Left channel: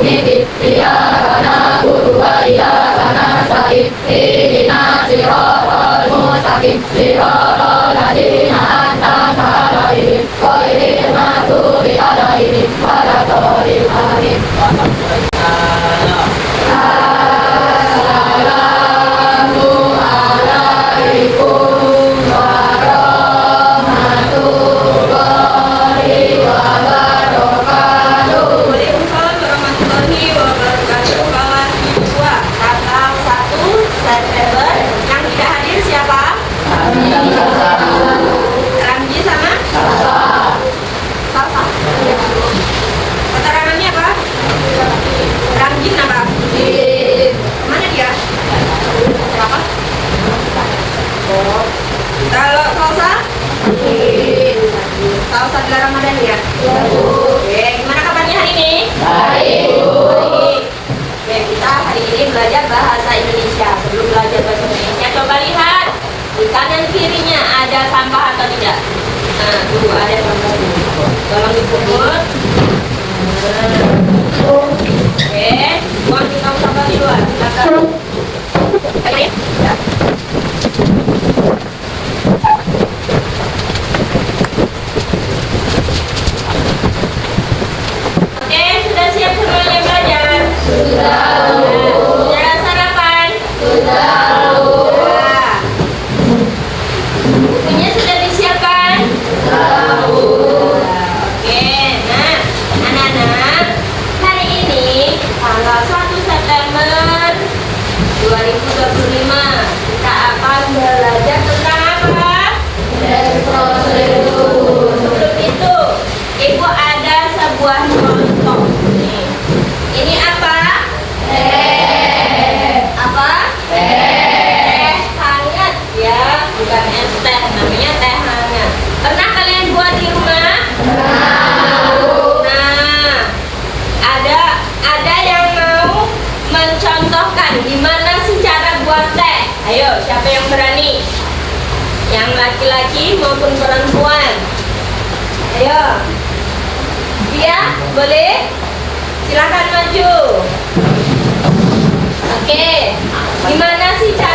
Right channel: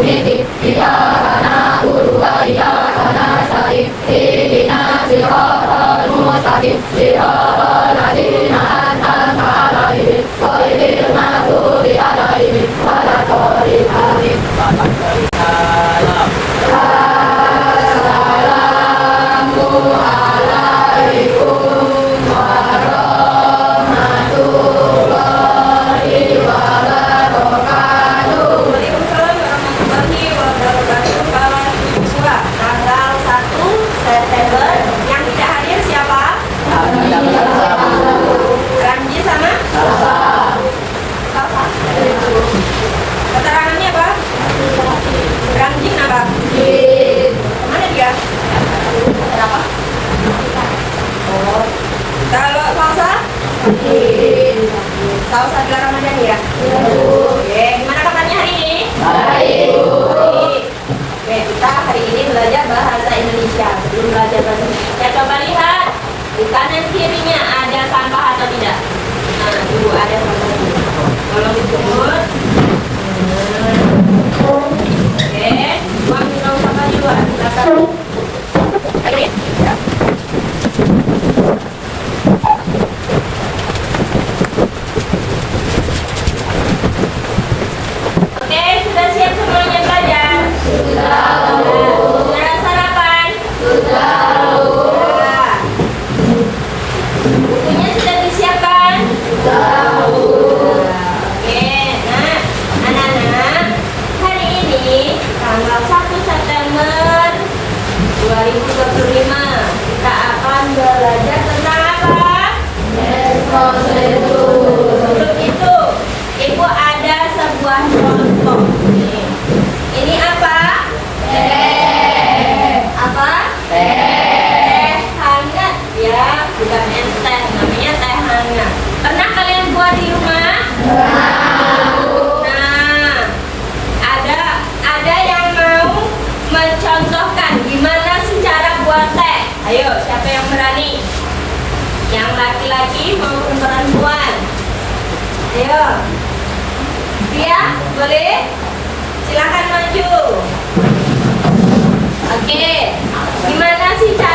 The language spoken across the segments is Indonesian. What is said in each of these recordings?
Menanam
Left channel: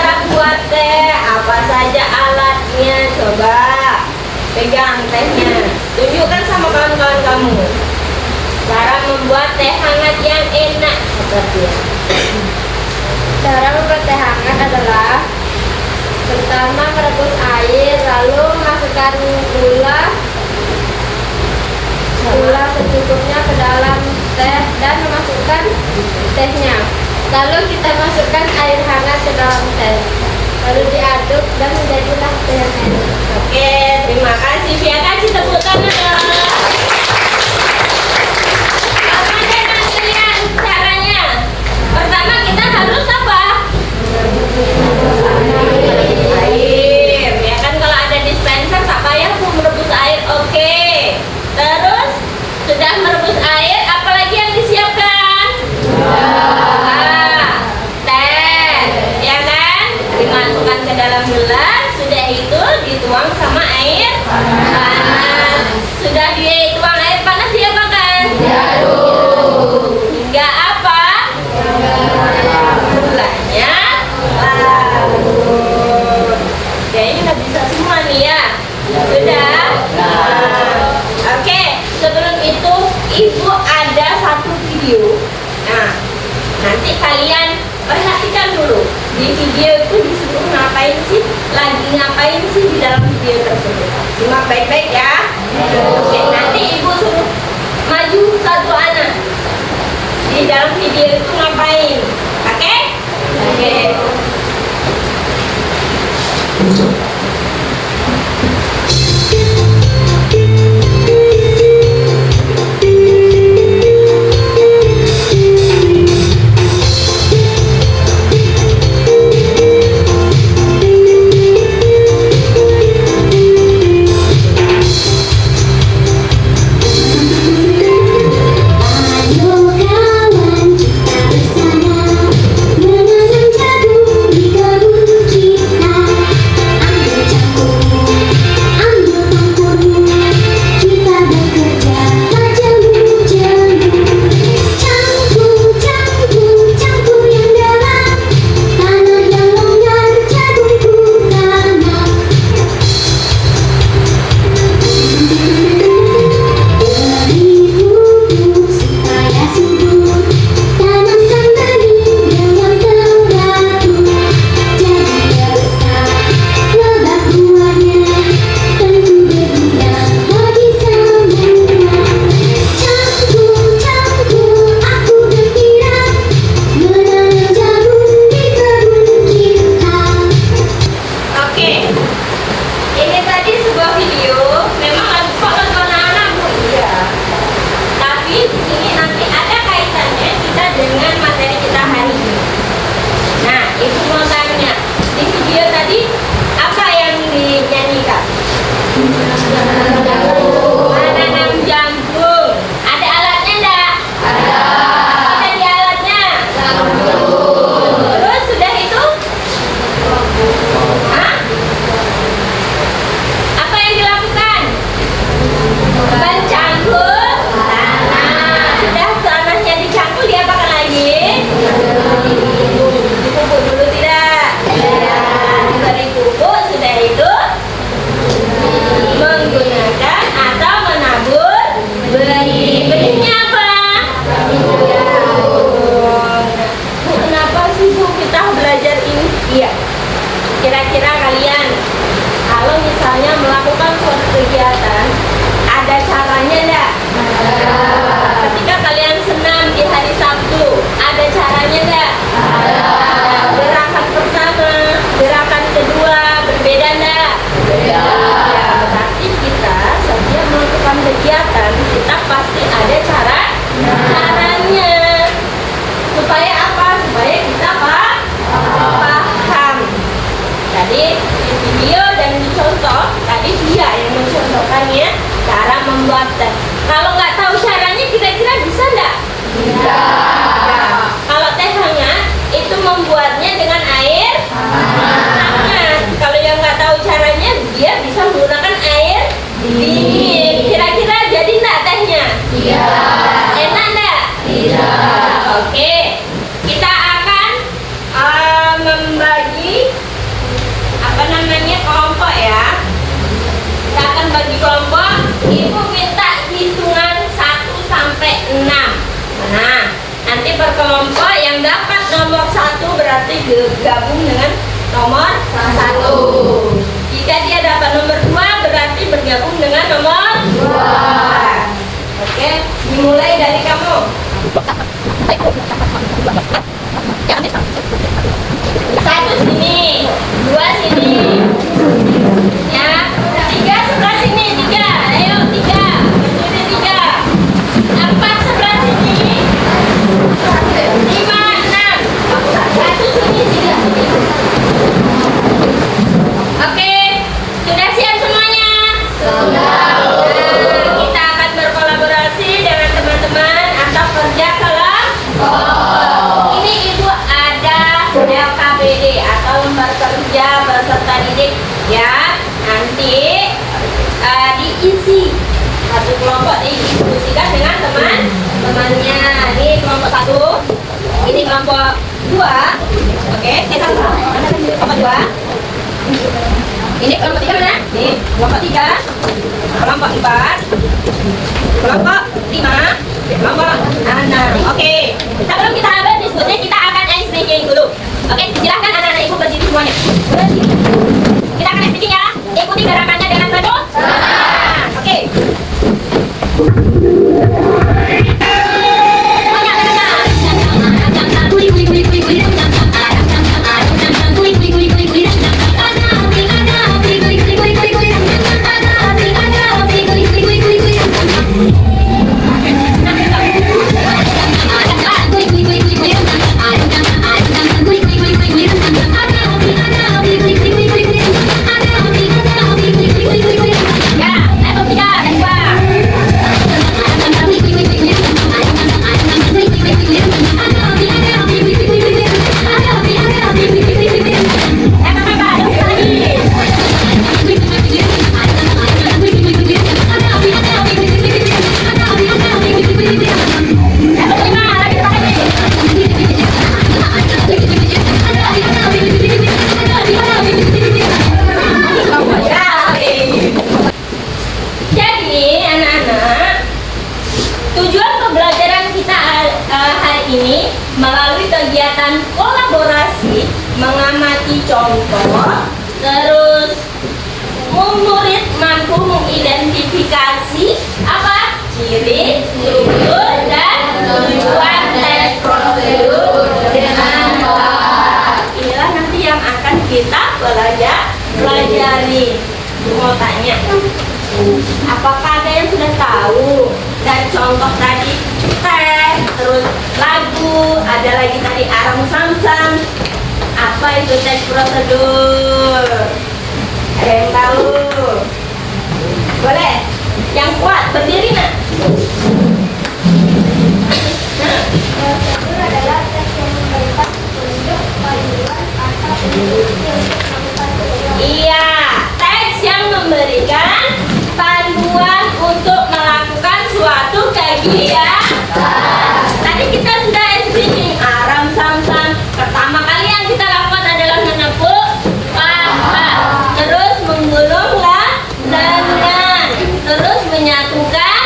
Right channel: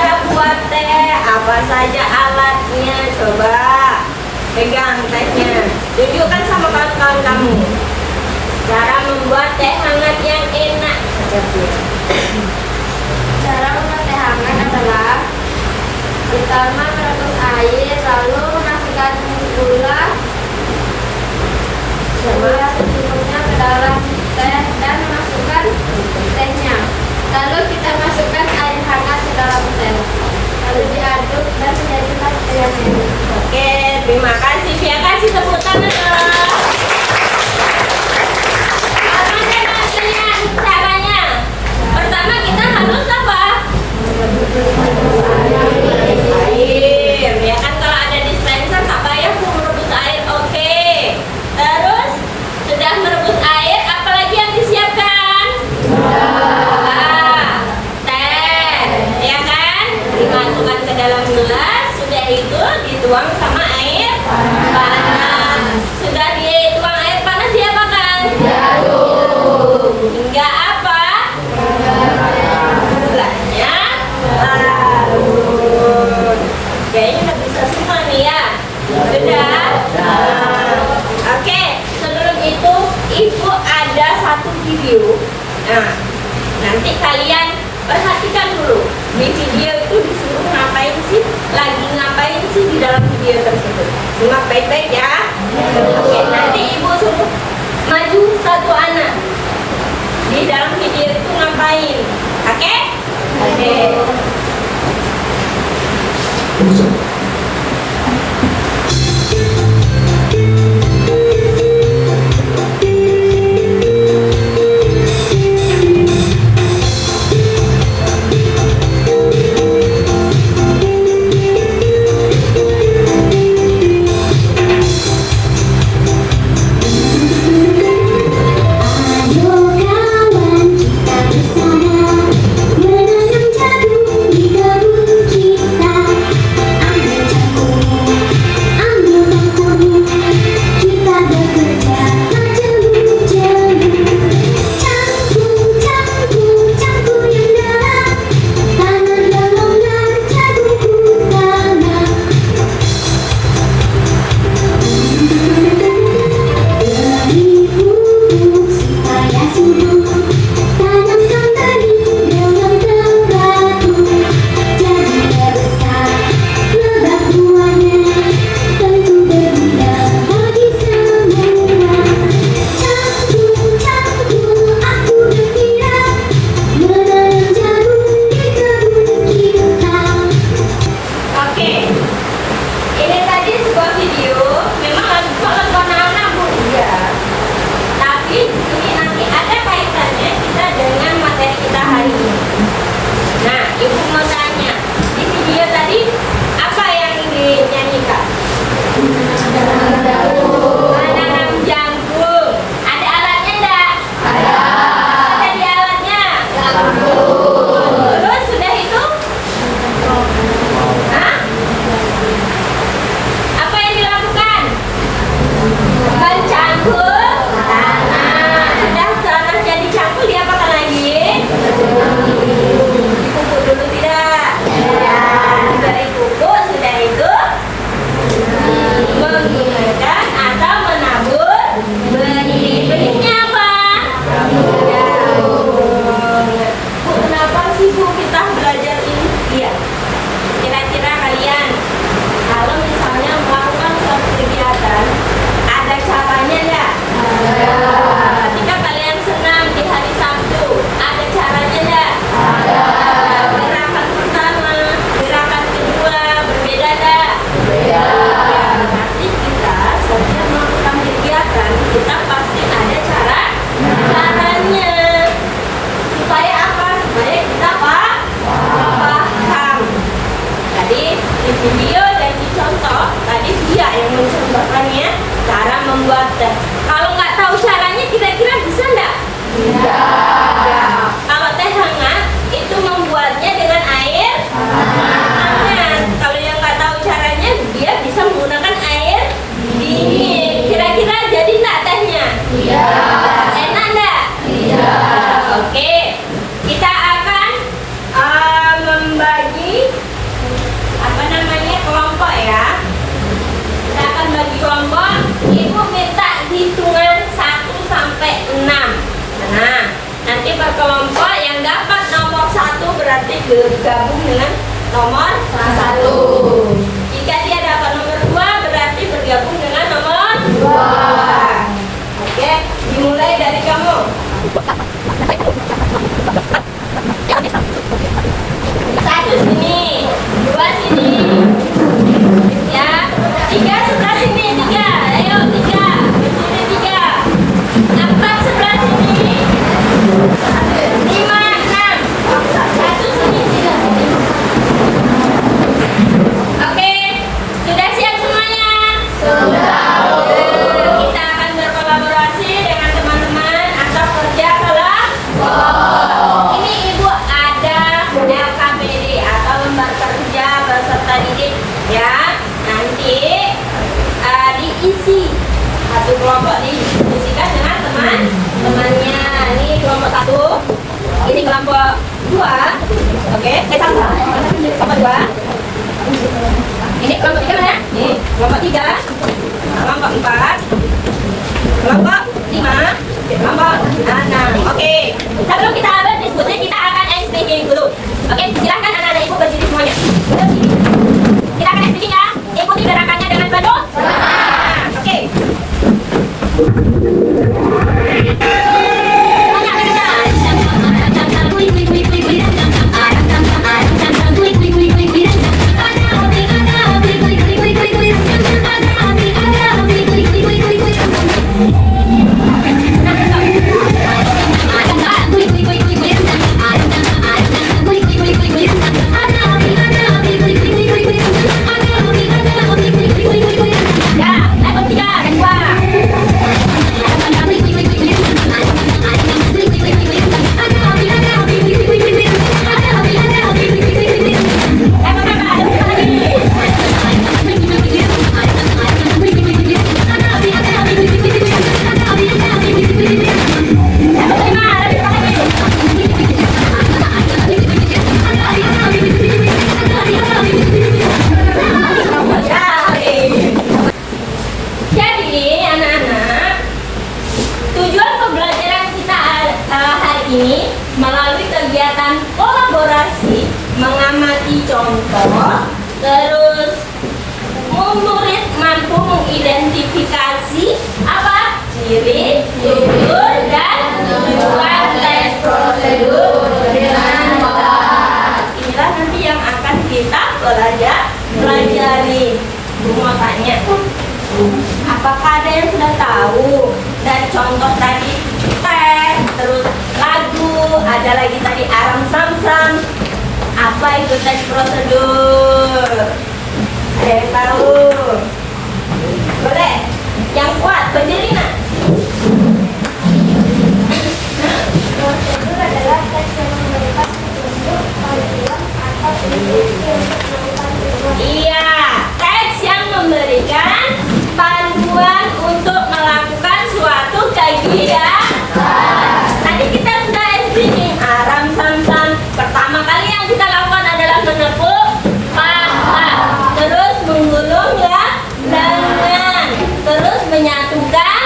jagung di kebun kita. berarti bergabung dengan nomor 1. Jika dia dapat nomor 2 berarti bergabung dengan nomor 2. Oke, dimulai dari kamu. 1 sini, 2 sini. Ya, 3 sebelah sini, 3. Ayo 3. Berdiri 3. 4 sebelah sini. 5, 6. 1 sini, 3 sini. Oke, sudah siap semuanya? Sudah. Kita akan berkolaborasi dengan teman-teman atau kerja kelompok. Ini Ibu ada LKBD atau lembar kerja beserta didik ya. Nanti diisi satu kelompok didiskusikan dengan teman-temannya. Ini kelompok 1, ini kelompok 2. Oke, kelompok 2. Ini kelompok 3 mana? Ini kelompok 3, kelompok 4, kelompok 5, kelompok 6. Oke, sebelum kita berdiskusi kita akan ice breaking dulu. Oke, silahkan anak-anak ibu berdiri semuanya. Kita akan ice breaking ya. Ikuti gerakannya dengan penuh semangat. Oke. Ini melalui kegiatan kolaborasi mengamati contoh, terus murid mampu mengidentifikasi apa ciri, struktur, dan tujuan tes prosedur dengan baik. Inilah nanti yang akan kita pelajari. Mau tanya, apakah ada yang sudah tahu dan contoh tadi tes, terus lagu, ada lagi tadi aram sam-sam. Apa itu tes prosedur? Ada yang tahu? Boleh? Yang kuat berdiri nak. Prosedur adalah tes yang memberikan petunjuk, panduan, atau petunjuk untuk melakukan sebuah. Iya, teks yang memberikan panduan untuk melakukan suatu kegiatan. Tadi kita sudah speaking aram sam-sam. Pertama kali yang kita lakukan adalah menepuk paha, terus menggulung dengan, terus menyatukan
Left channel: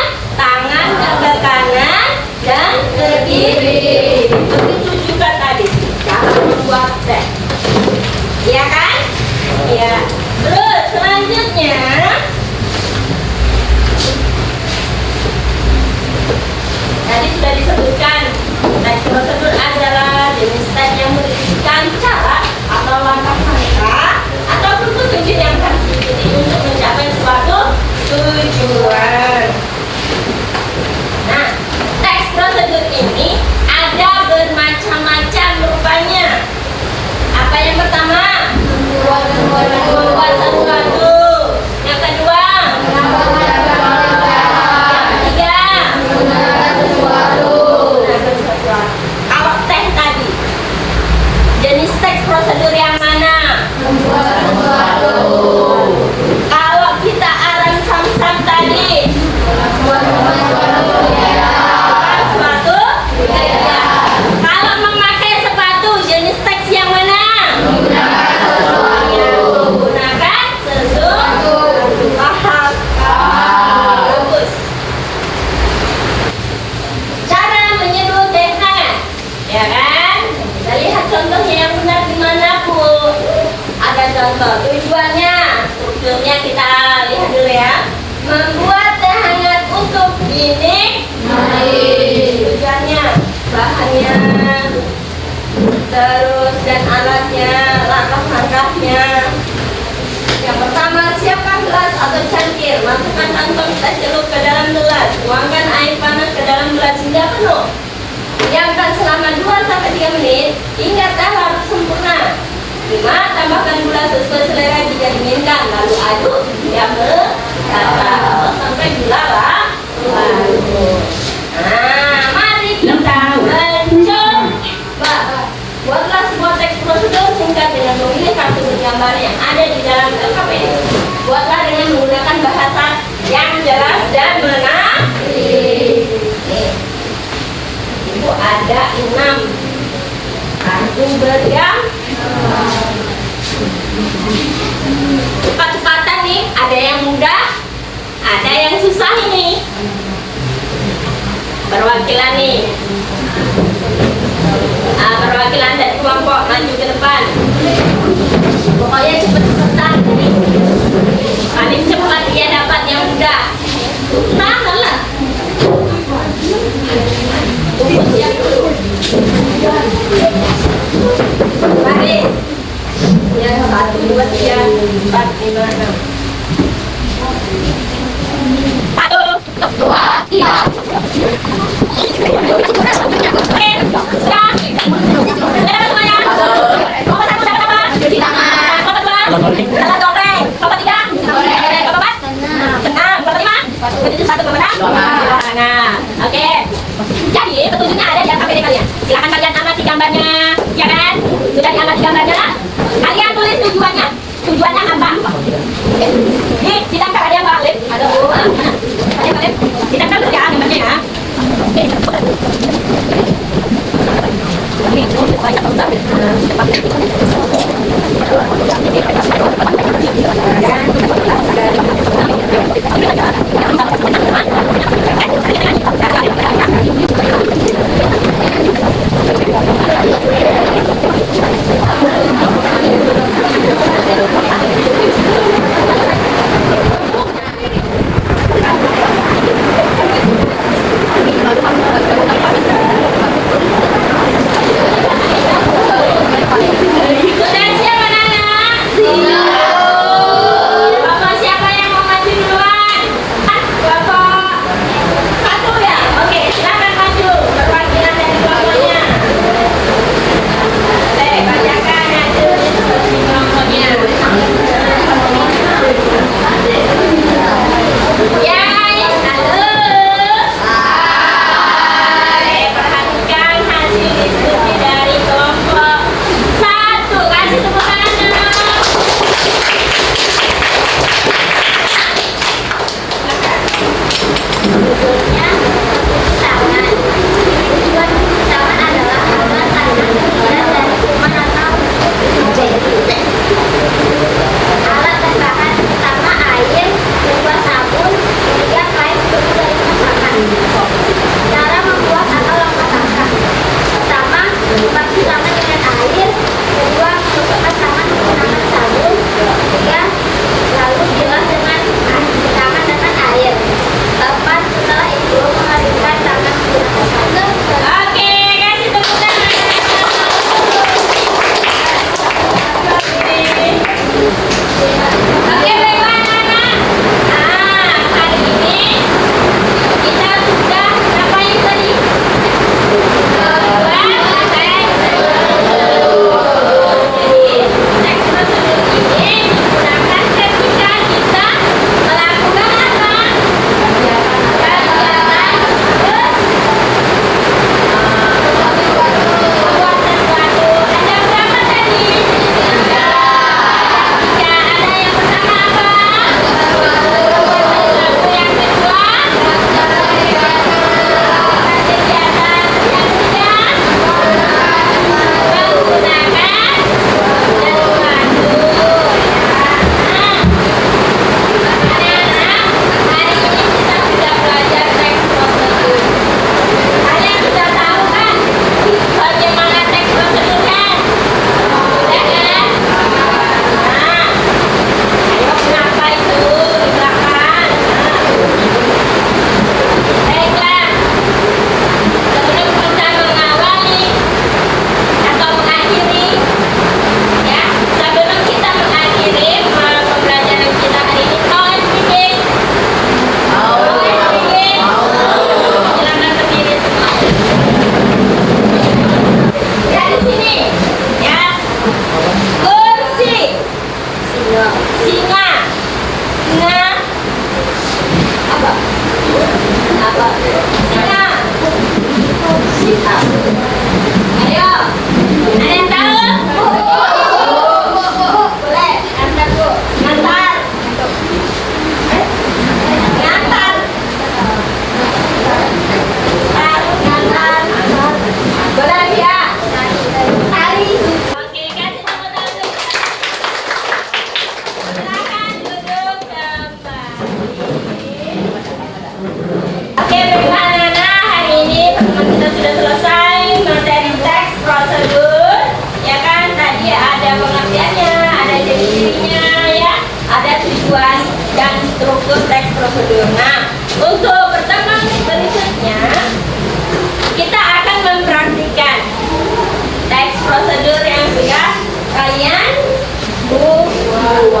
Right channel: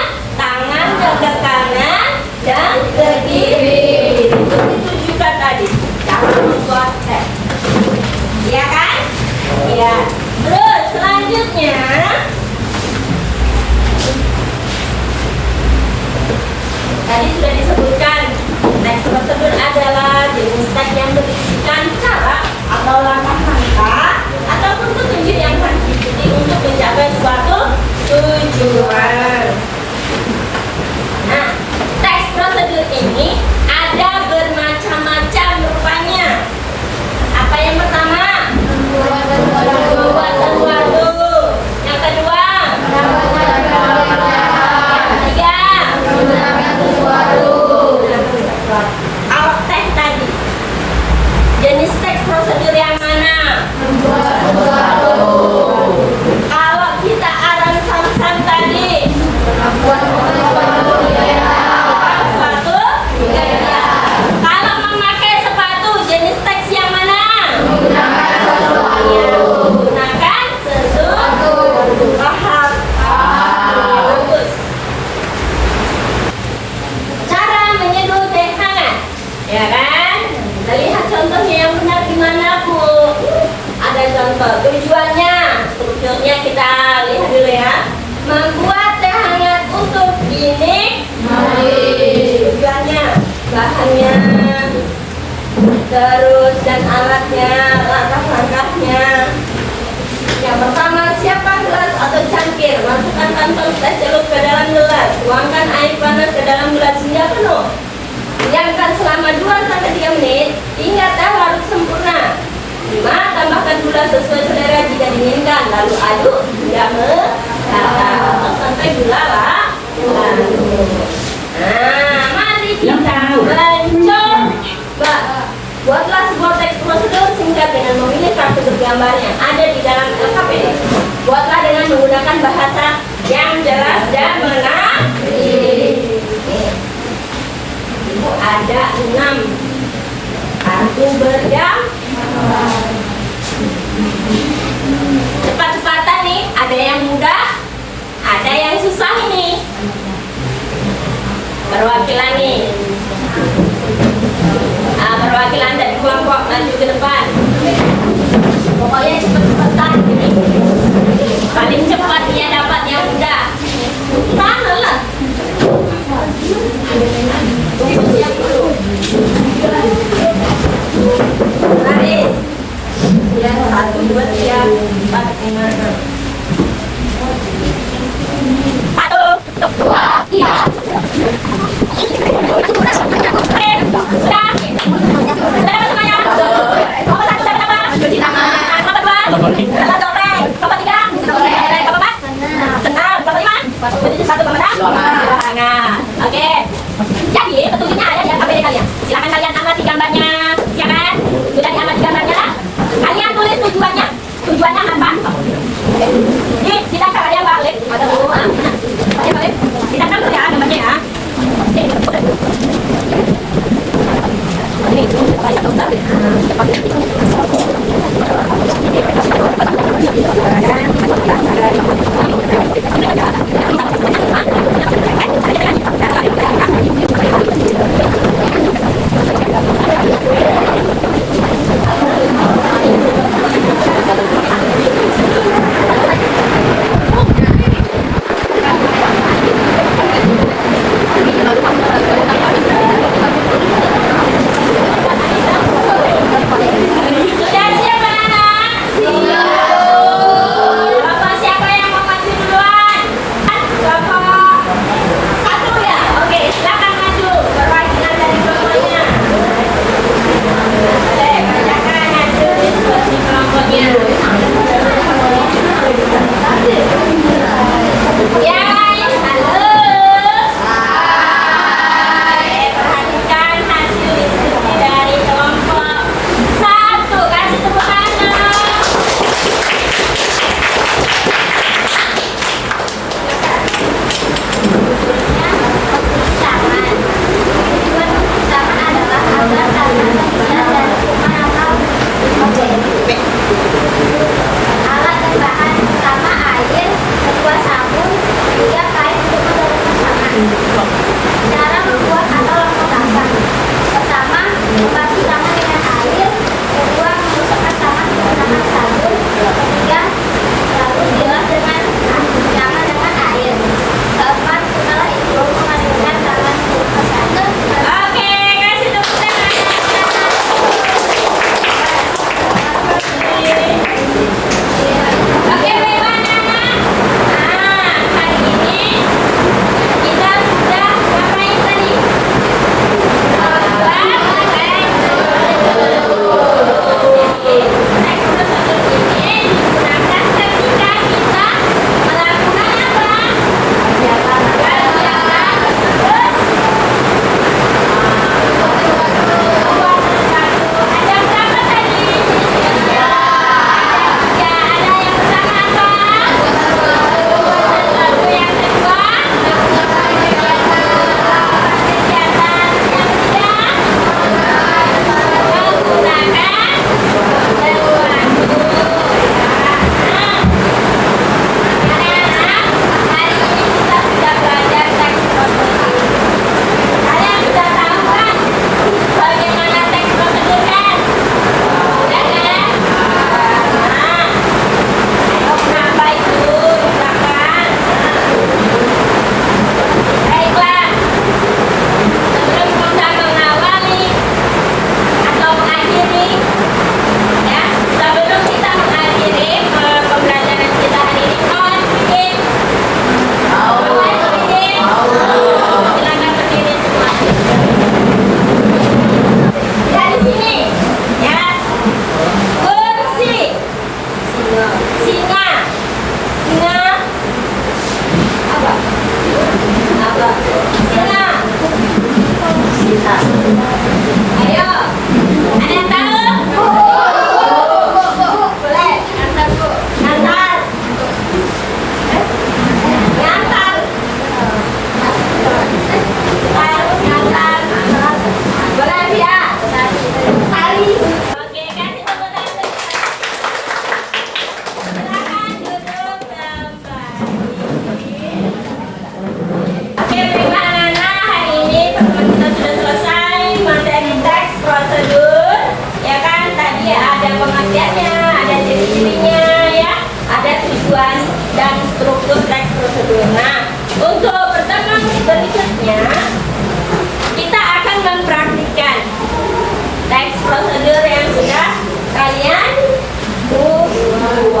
bahannya, terus dan alatnya, langkah-langkahnya. Yang pertama, siapkan gelas atau cangkir, masukkan kantong teh celup ke dalam gelas, tuangkan air panas ke dalam gelas hingga penuh. Diamkan selama 2-3 menit hingga teh larut sempurna. 5. Tambahkan gula sesuai selera jika diinginkan, lalu aduk hingga merata sampai gula larut. Nah, mari kita mencoba. Buatlah sebuah teks prosedur singkat dengan memilih kartu bergambar yang ada di dalam LKPD. Buatlah dengan menggunakan bahasa yang jelas dan mengerti. Ibu ada 6 kartu bergambar. Cepat-cepatan nih, ada yang mudah, ada yang susah ini. Perwakilan nih. Perwakilan dari kelompok maju ke depan. Pokoknya cepet-cepetan. Paling cepat dia dapat yang mudah. Sana lah. Tunggu siap dulu. Baris. Ya, 1, 2, 3, 4, 5, 6. 1, 2, 3. Oke.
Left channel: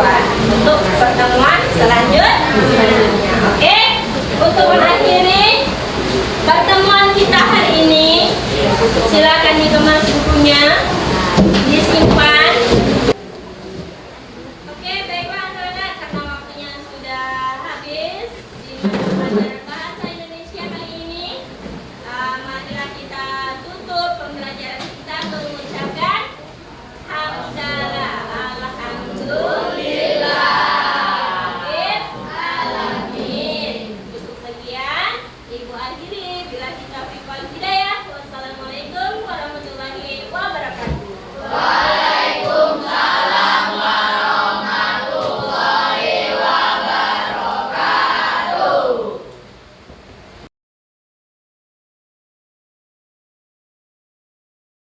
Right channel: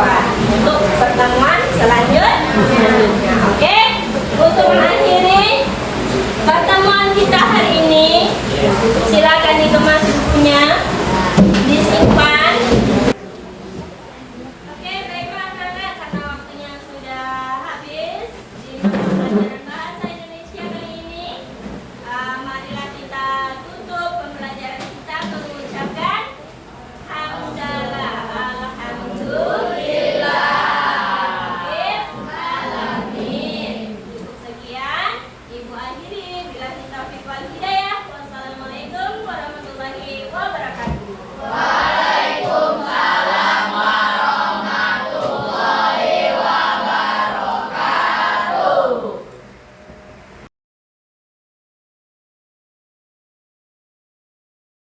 perempuan untuk pertemuan selanjutnya. Oke, untuk mengakhiri pertemuan kita hari ini, silakan dikemas bukunya.